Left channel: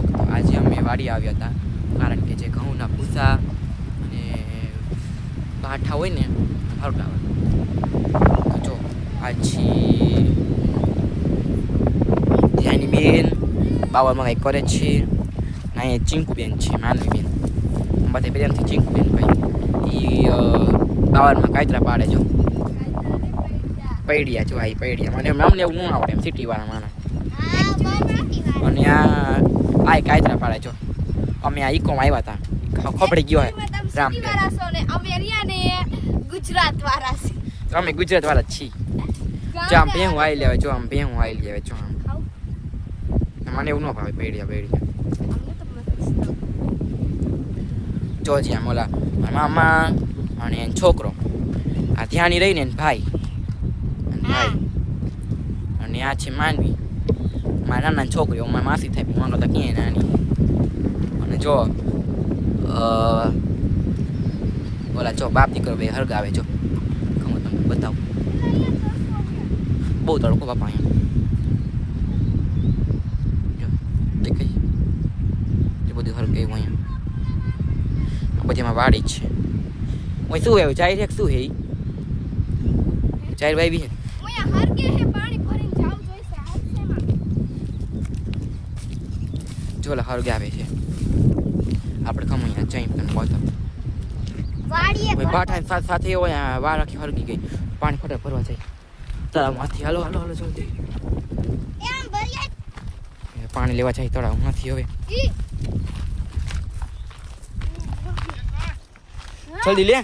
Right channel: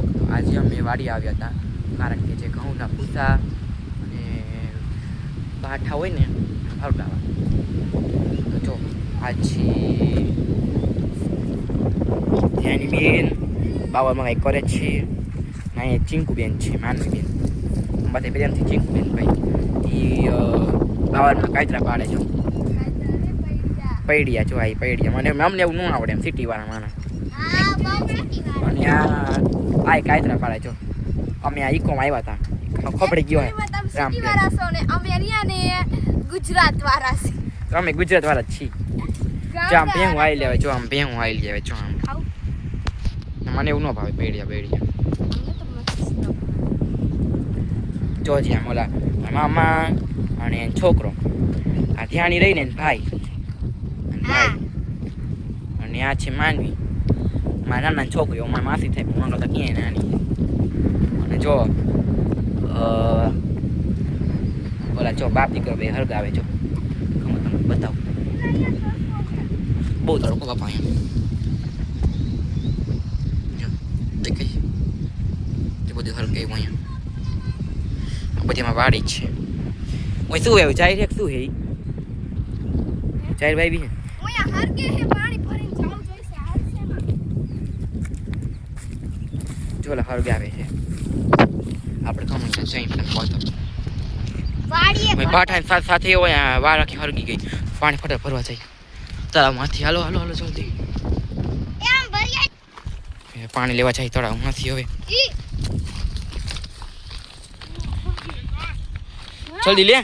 Blog. આજે અમે વાડી આવ્યા હતા કારણ કે જે ઘઉંના ભૂસા અને પાઠા હોય ને હરગાવા. જો આજી ત્યાંની બેન બાવામાં કંઈક કરે છે. અહીંયા ચીંકુબેન છે, માનવીબેન, બધા પ્રેમથી ચીંકુબેન ભાઈ. એ બાવરમાં કાયતરા પાડે જો પૈડિયા. જો આ પૈડિયા મને અમને એવું ન આવડે એમ સિટીવાળા માણસ. અને આ કાયતરા પાડે જો. અમે આ ઈકોમાં આવ્યા હતા, ખબડી ગયો હે રામ ગુજરાત વાળા છે. અમે ગુજરાત વાળા જ છીએ. જો આમ ભેહું આવી લેવે, જો આમ ભેહું આવી લેવે, જો આમ મને એવું ન ભાવે પૈડિયા. જો છે આમ ઓલા મામા અને છોકરો, આ ધ્યાની રહીને ભાઈ અને આ છે માનવી, મારા નાના છોકરીઓ, મારા માસી થાય, હું કરતા ક્યાંય નાની. અને જો ઓલા જો બાપ દીકરો બે હરગાવે જો. ખબર તમે બતાવો, બહુ તડકો બાપા અહીંયા. જો દેખાય જે બધું હરગાવ્યું અહીંયા. પછી એમાં વાડી જ છે. ઓય શું આવ્યું ચાર એક શું હે ચાર ભાઈ બી જો હરગાવે છે. આપણે કમ અહીંયા જઈ પણ પહોંચો પાઠા સાથે હોય વાર આખી હરગી ગઈ. પાણી ફટા ભરવા જાય તળાવમાંથી. હાલો હાલો હાલો જલ્દી પાણી લેવા જાય તળાવમાંથી. હવે જલ્દી લે,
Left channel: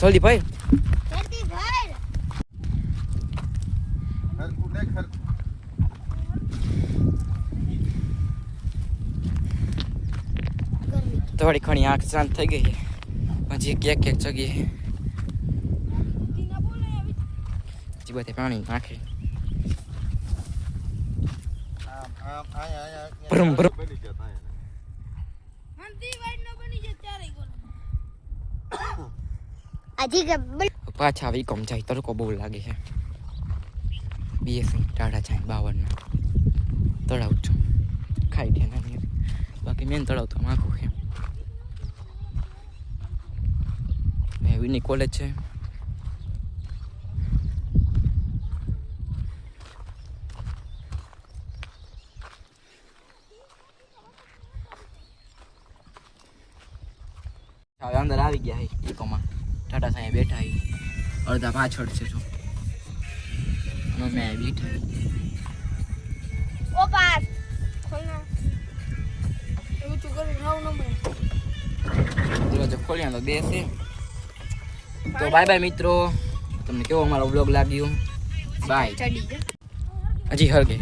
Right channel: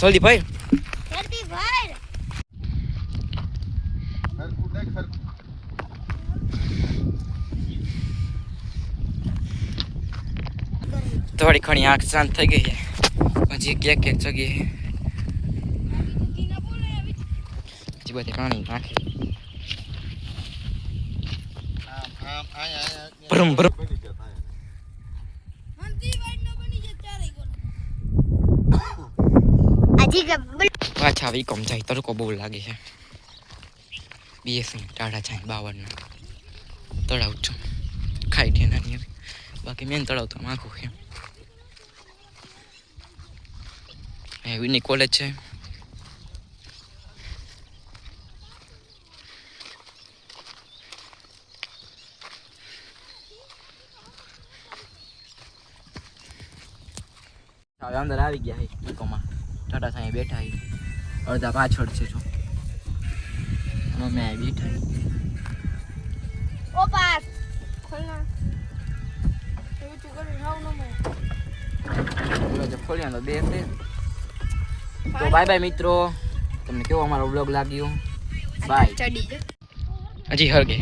જલ્દી ભાઈ. થોડી ઘણી આંખ શાંત થઈ ગઈ છે, પછી ક્યાંક જગ્યાએ બધે પાણી નાખે. ભરમ ભરમ પાછા આવી કમ જાય. તડકો બહુ લાગે છે. બીએસની ટાઢા જાય 52 તળાવ છું ખાઈ છે નાની. બાકી મેન તળાવ તો આખું છે. વિની કોલેજ છે. હવે અંદર આવી ગયા છે ઇકોમાં. ટાટા સાંઈ બેઠા છે, અડધા પાછળ છે જો. અને મેં બેઠા ઓ પાસ ખોલના એવું તું કરી રાવ ન મે જો ખોલ્યા તો બેસે. તો બાય બાય મિત્રો, તમને કેવો અમારો વ્લોગ લાગ્યો? બાય. હજી હરગે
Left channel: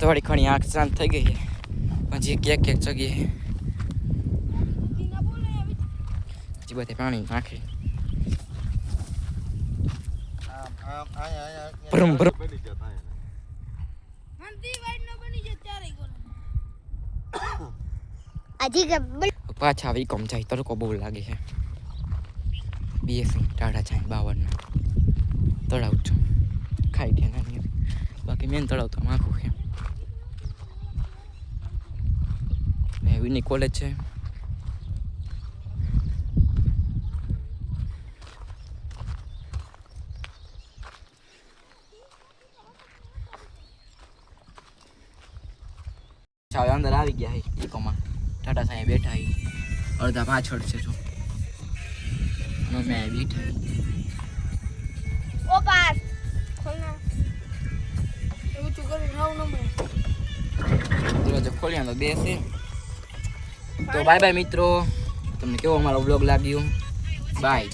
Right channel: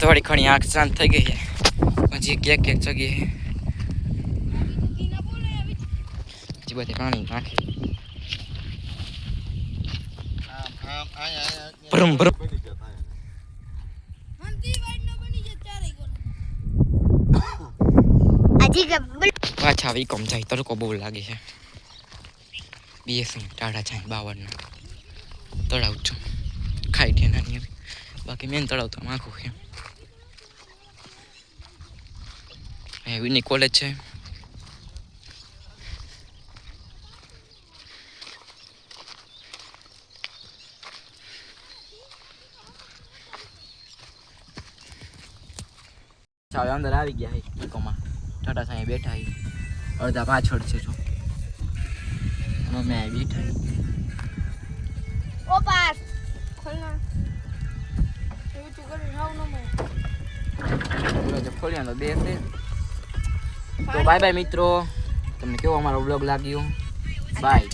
થોડી ઘણી આંખ શાંત થઈ ગઈ છે, પછી ક્યાંક જગ્યાએ બધે પાણી નાખે. ભરમ ભરમ પાછા આવી કમ જાય. તડકો બહુ લાગે છે. બીએસની ટાઢા જાય 52 તળાવ છું ખાઈ છે નાની. બાકી મેન તળાવ તો આખું છે. વિની કોલેજ છે. હવે અંદર આવી ગયા છે ઇકોમાં. ટાટા સાંઈ બેઠા છે, અડધા પાછળ છે જો. અને મેં બેઠા ઓ પાસ ખોલના એવું તું કરી રાવ ન મે જો ખોલ્યા તો બેસે. તો બાય બાય મિત્રો, તમને કેવો અમારો વ્લોગ લાગ્યો? બાય.